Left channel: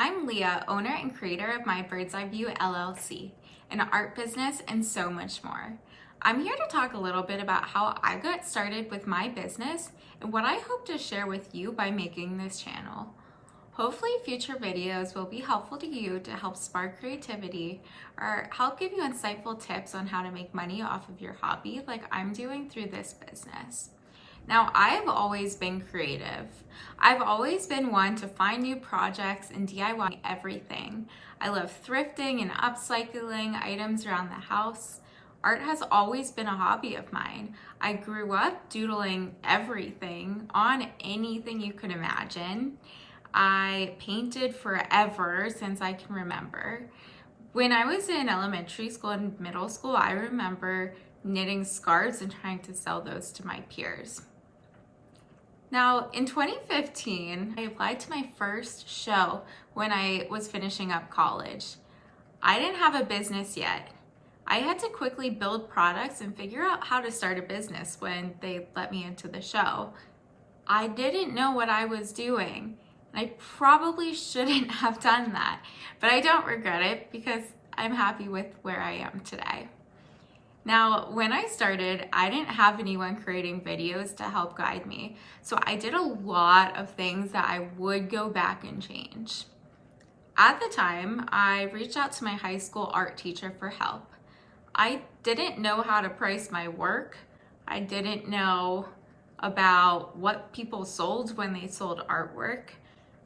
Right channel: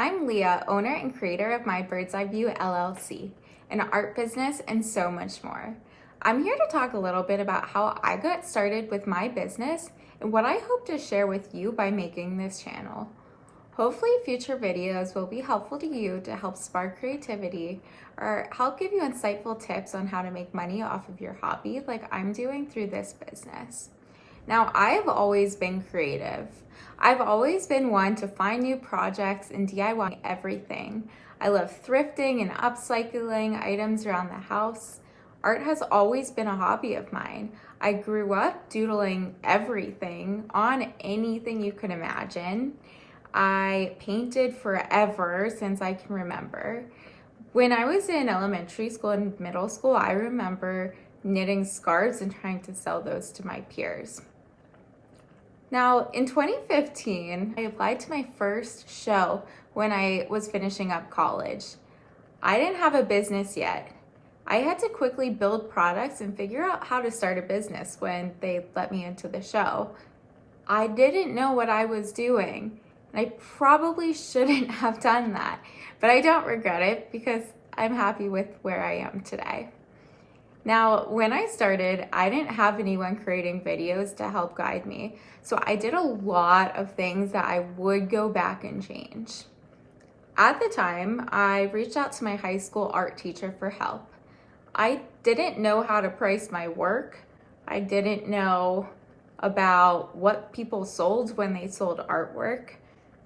I'm Leah, owner and creator of My Bird's Eye View LLC, an art business and so much more. I'm here to talk a little bit about how I got started with my business and what I hope to share with you by making this channel. Hopefully future videos will be helpful to you to help spark creativity or help give you insightful tips on how to make money off of your hobby like I'm doing through this business. Now, I've always been creative. I've always been one to find new projects and DIY everything. I love thrifting and upcycling items around the house. Art has always been a hobby of mine. I grew up doodling everything on anything you could imagine. I painted forever since I can remember. When I was in elementary school and middle school, I remember knitting scarves and trying to sell those to my peers. Now, in 2015, I applied to my first show when I was finishing up college. I didn't have a business yet. I had to quickly build products and figure out how to start a business when they let me into the show. I didn't know what I was doing. I probably shouldn't have done that, but I don't regret it because I'm happy with where I am today. Now, when I started, I didn't have anyone creating videos to help guide me, so I did a lot of things that I would go back and change. At the time, I reached out to my high school art teacher for help. I didn't know how to price my work. I didn't know about what people sold when they sold artwork.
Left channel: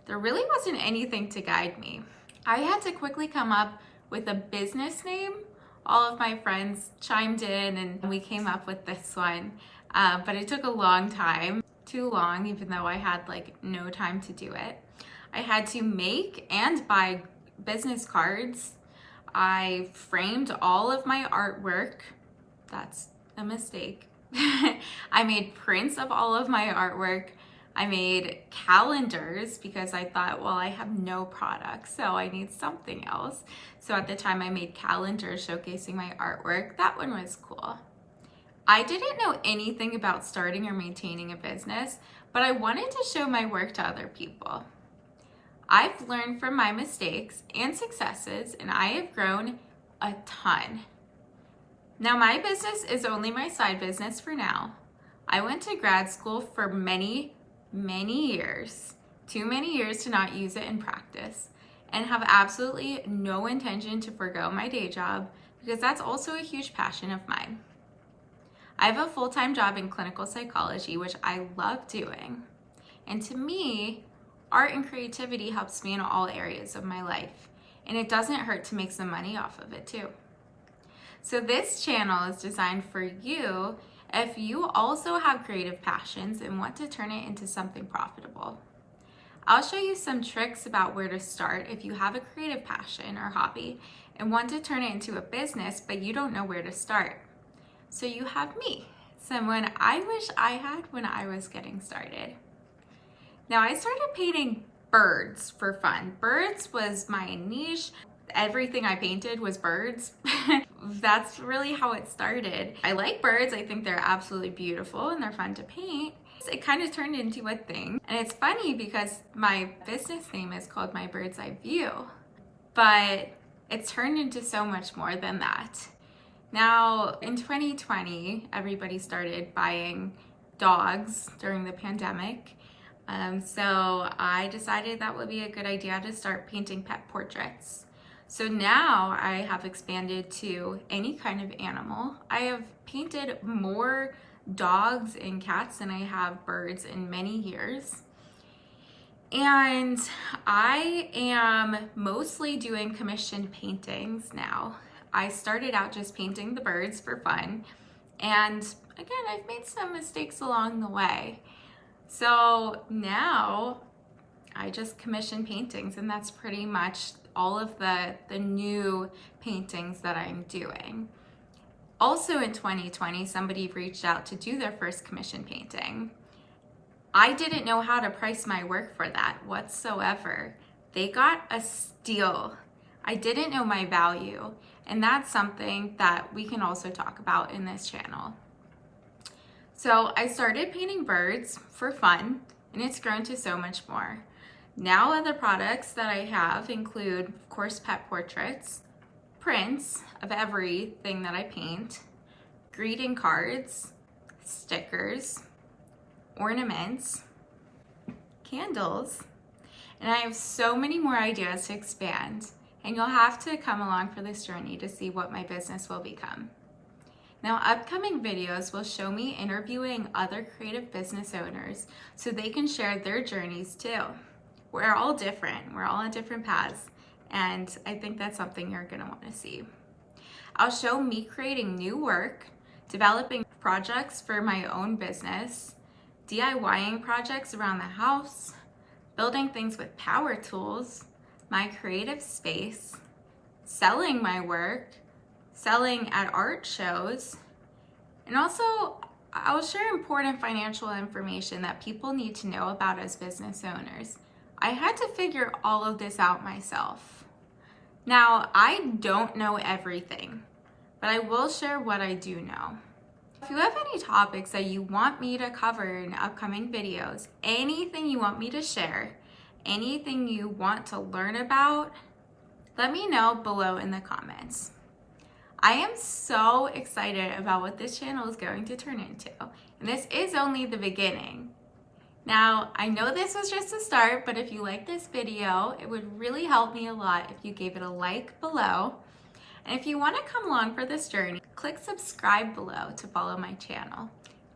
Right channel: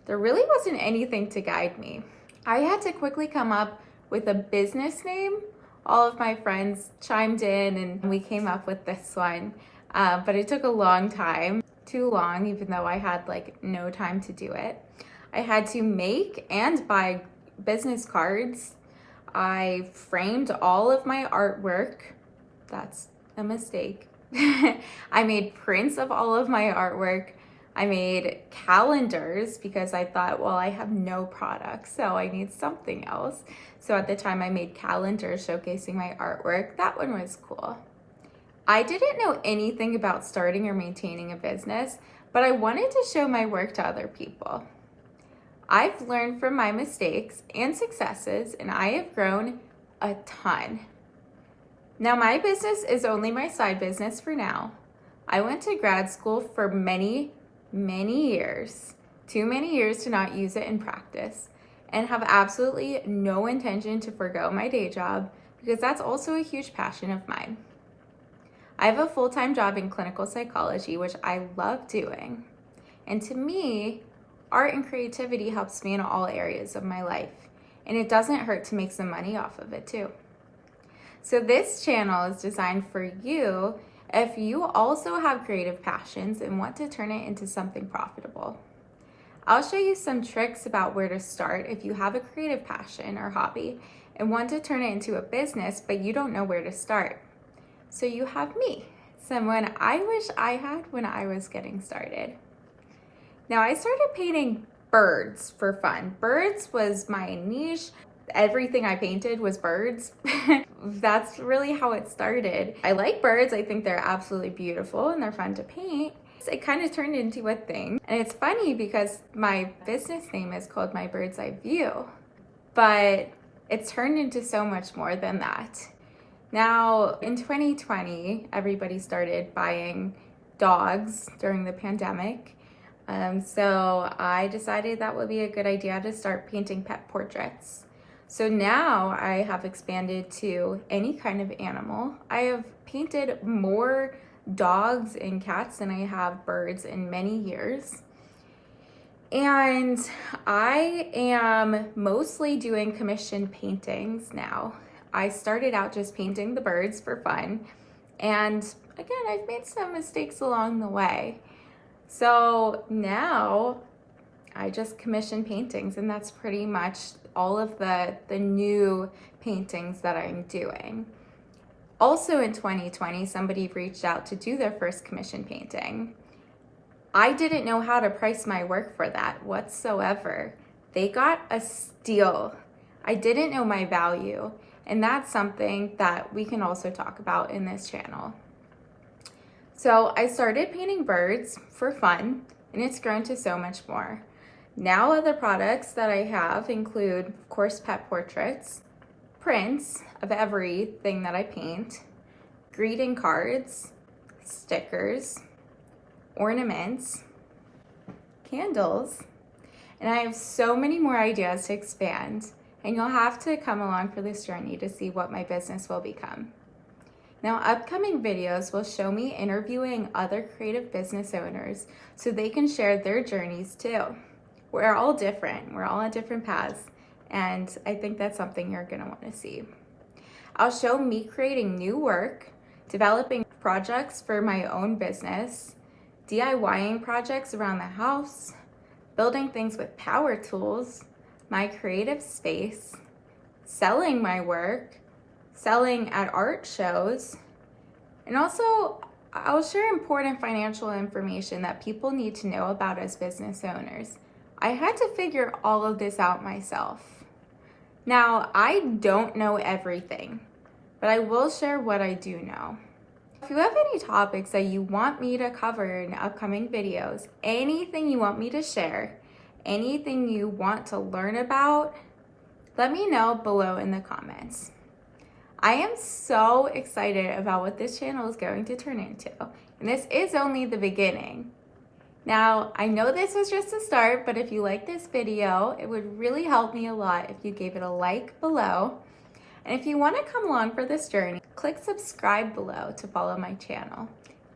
There really wasn't anything to guide me. I had to quickly come up with a business name. All of my friends chimed in and we came up with this one, but it took a long time, too long, even though I had no time to do it. I had to make and buy business cards. I framed all of my artwork. That's a mistake. I made prints of all of my artwork. I made calendars because I thought, well, I have no products, so I need something else. So at the time I made calendars showcasing my artwork. That one was cool. I didn't know anything about starting or maintaining a business, but I wanted to show my work to other people. I've learned from my mistakes and successes, and I have grown a ton. Now, my business is only my side business for now. I went to grad school for many years, too many years to not use it in practice, and have absolutely no intention to forgo my day job because that's also a huge passion of mine. I have a full-time job in clinical psychology, which I love doing. And to me, art and creativity helps me in all areas of my life, and it doesn't hurt to make some money off of it too. So this channel is designed for you if you also have creative passions and want to turn it into something profitable. I'll show you some tricks about where to start if you have a creative passion or hobby and want to turn it into a business, but you don't know where to start. So you have me, someone I wish I had when I was getting started. Now, I started painting birds for fun. Birds was my niche. Everything I painted was birds. That's really how it started. I like birds. I think they're absolutely beautiful and they're fun to paint. It kind of turned into a thing. And it's funny because my business name is called My Bird's Eye View, but it's turned into so much more than that. Now, in 2020, everybody started buying dogs during the pandemic. So I decided that would be a good idea to start painting pet portraits. So now I have expanded to any kind of animal. I have painted more dogs and cats than I have birds in many years. And I am mostly doing commissioned paintings now. I started out just painting the birds for fun. And again, I've made some mistakes along the way. So now I just commission paintings, and that's pretty much all of the new paintings that I'm doing. Also in 2020, somebody reached out to do their first commission painting. I didn't know how to price my work for that whatsoever. They got a steal. I didn't know my value, and that's something that we can also talk about in this channel. So I started painting birds for fun, and it's grown to so much more. Now other products that I have include, of course, pet portraits, prints of everything that I paint, greeting cards, stickers, ornaments, candles, and I have so many more ideas to expand, and you'll have to come along for this journey to see what my business will become. Now, upcoming videos will show me interviewing other creative business owners so they can share their journeys too. We're all different, we're all on different paths, and I think that's something you're gonna wanna see. I'll show me creating new work, developing projects for my own business, DIYing projects around the house, building things with power tools, my creative space, selling my work, selling at art shows, and also I'll share important financial information that people need to know about as business owners. I had to figure all of this out myself. Now, I don't know everything, but I will share what I do know. If you have any topics that you want me to cover in upcoming videos, anything you want me to share, anything you want to learn about, let me know below in the comments. I am so excited about what this channel is going to turn into, and this is only the beginning. Now, I know this was just a start, but if you like this video, it would really help me a lot if you gave it a like below. And if you want to come along for this journey, click subscribe below to follow my channel.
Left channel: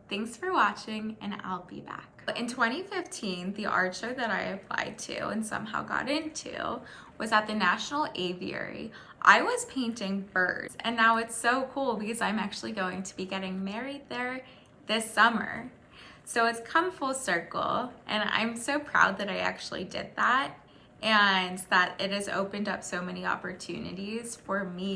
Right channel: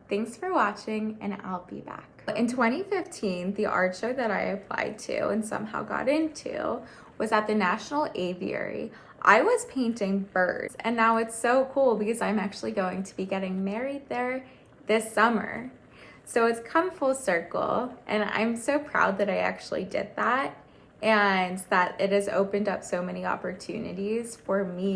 Thanks for watching, and I'll be back. In 2015, the art show that I applied to and somehow got into was at the National Aviary. I was painting birds, and now it's so cool because I'm actually going to be getting married there this summer. So it's come full circle, and I'm so proud that I actually did that and that it has opened up so many opportunities for me